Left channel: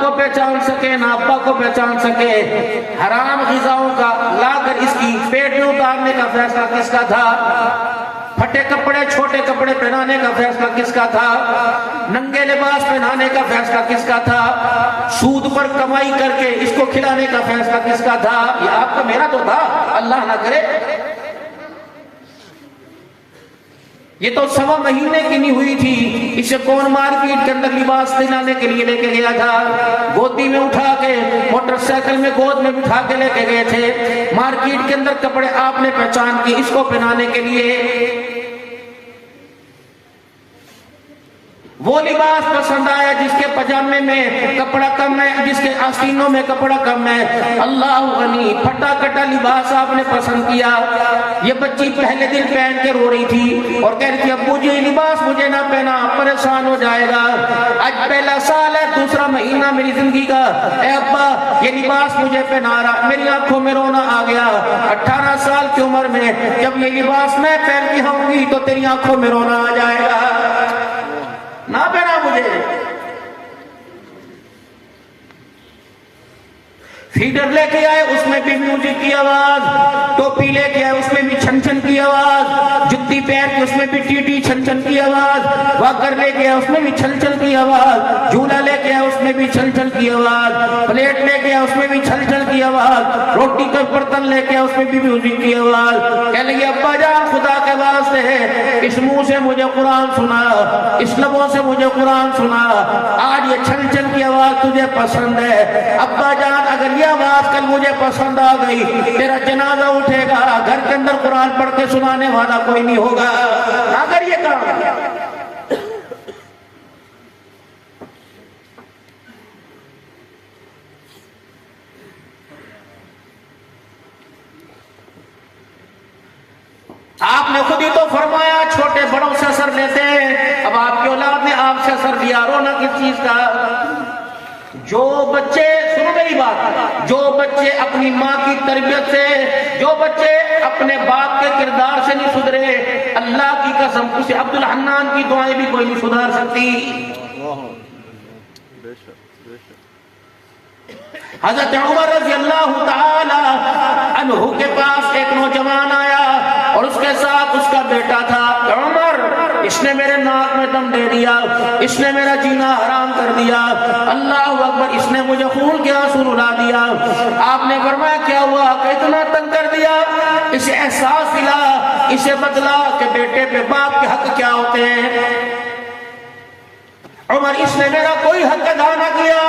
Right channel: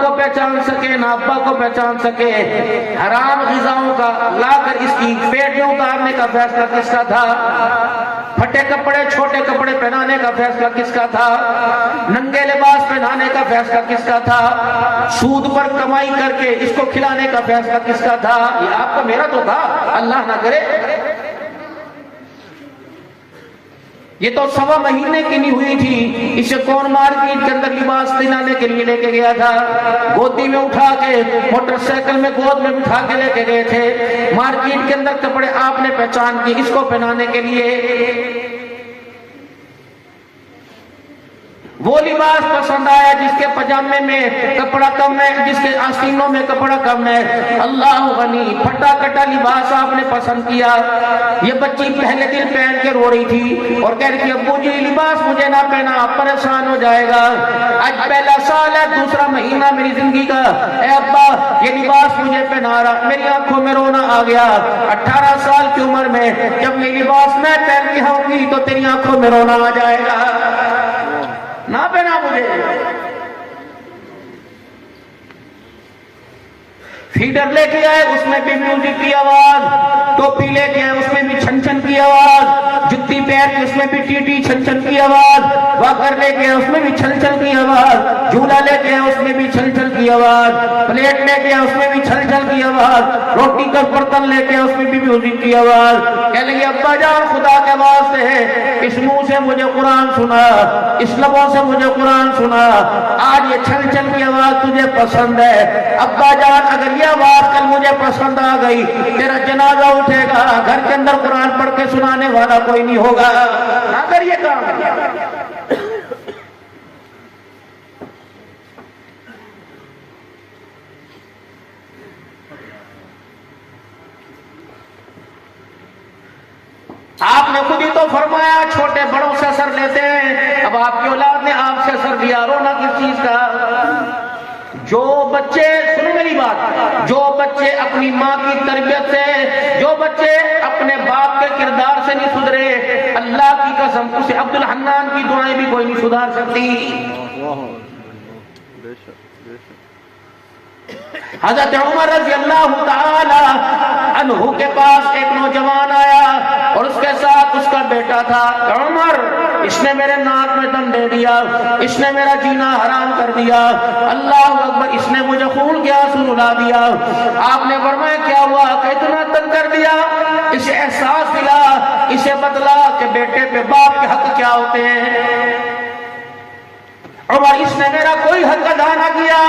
کو پہچان سکے نہ ابا کو پہچان سکے. حرام غذاؤں کا لا کر اس کی پیٹ میں اتارنے کا فیصلہ کس کا تھا؟ پھٹے کپڑے چھوٹے کپڑے پہنانے کا فیصلہ کس کا تھا؟ ننگے لباس پہنانے کا فیصلہ کس کا تھا؟ سود پر کمائی کر کے اس کو کھلانے کا فیصلہ کس کا تھا؟ یہ آپ کا میرا تو تھا، اللہ نہ کرے. یہ تو 1.25 مہینے کی نہیں ہوئی تھی، اسے کون مارکیٹ کے اندر لباس پہنانے کے لیے لے کے گیا تھا؟ گودی میں اٹھا کے موٹر سائیکل میں گود میں بٹھا کے لے کے گئے تھے. مارکیٹ کے اندر کپڑے آپ نے پہچان کے اس کو پہنانے کے لیے. وہ لباس پسند آیا جس کے پجامے میں کپڑا کم ہے، جس کے آستینوں میں کپڑا کم ہے. اللہ غنی پھٹا کٹا لباس آپ نے پسند کیا. یہ بچی پہلے دن پہن کے رو رہی تھی اور کہہ رہی تھی ابو جی لباس مجھے نہ پہنا، پریشان ہو جائے گا. آج پہلا سال ہے، دوسرا مہینہ میری زندگی کا. اے ابا یہ لباس مجھے پہنا رہا، میری آنکھوں میں رونا آ گیا. 18 سال کی عمر میں جب یہ لباس میں پہن کے آؤں گی تو تیری آنکھوں میں رونا آ جائے گا. نہ پہنا مجھے. فیڈر لے کے آئے اس میں بھی میوزک کی آواز، ٹوپی لے کے آئے اس میں بھی چھن چھن کی آواز، جتی پیر کے اس میں بھی ٹی ٹی چھن چھن کی آواز، واکر لے کے آئے اس میں بھی چھن چھن کی آواز، جھولا لے کے آئے اس میں بھی چھن چھن کی آواز، پلیٹ لے کے آئے اس میں بھی چھن چھن کی آواز، روٹی کا برتن لے کے آئے اس میں بھی میوزک کی آواز. کہنے لگے ابا جان خدا کے واسطے ہے، اس منہ سے مجھے قرآن سنا، اس لبوں سے مجھے قرآن سنا، آج یہ چھن چھن کی آواز تجھے پسند ہے. ابا جان اگر یہ آواز کل مجھے پسند آ گئی تیرا جنازہ اٹھے گا، گھر کے اندر قرآن پڑھ کے سنانے والا کوئی نہیں ہوگا. اگر یہ کام آپ نے خود ہی تو فرمایا چھوٹے بڑوں سے اثر لیتے ہیں. اب آپ کی اولاد نے آپ سے اثر لیا، رونا کس چیز کا؟ جو بچے، سنو میری بات، جو بچے اپنی ماں کی تربیت سے، جو بچے اپنے باپ کے کردار سے نہیں سدھرے، اللہ کی قسم اسے عبد الحنان کی دعائیں بھی کوئی نہیں سدھار سکتی. حضرت عمر رضی اللہ تعالی عنہ کے پاس ایک نوجوان آیا اور اس کے ساتھ اس کا بیٹا تھا. عمر اس نے میرے ناک میں دم دے دیا، اس نے میرا جینا حرام کر دیا، اللہ اکبر اس نے مجھے خون کے آنسو رلا دیا. آپ نے فرمایا کیا ہوا کہ اتنا تنگ کر دیا؟ اسے احساس ملا، اسے بتلا کہ بیٹے پہ باپ کے حق کیا ہوتے ہیں. عمر اس نے میرا کوئی حق ادا نہ کیا.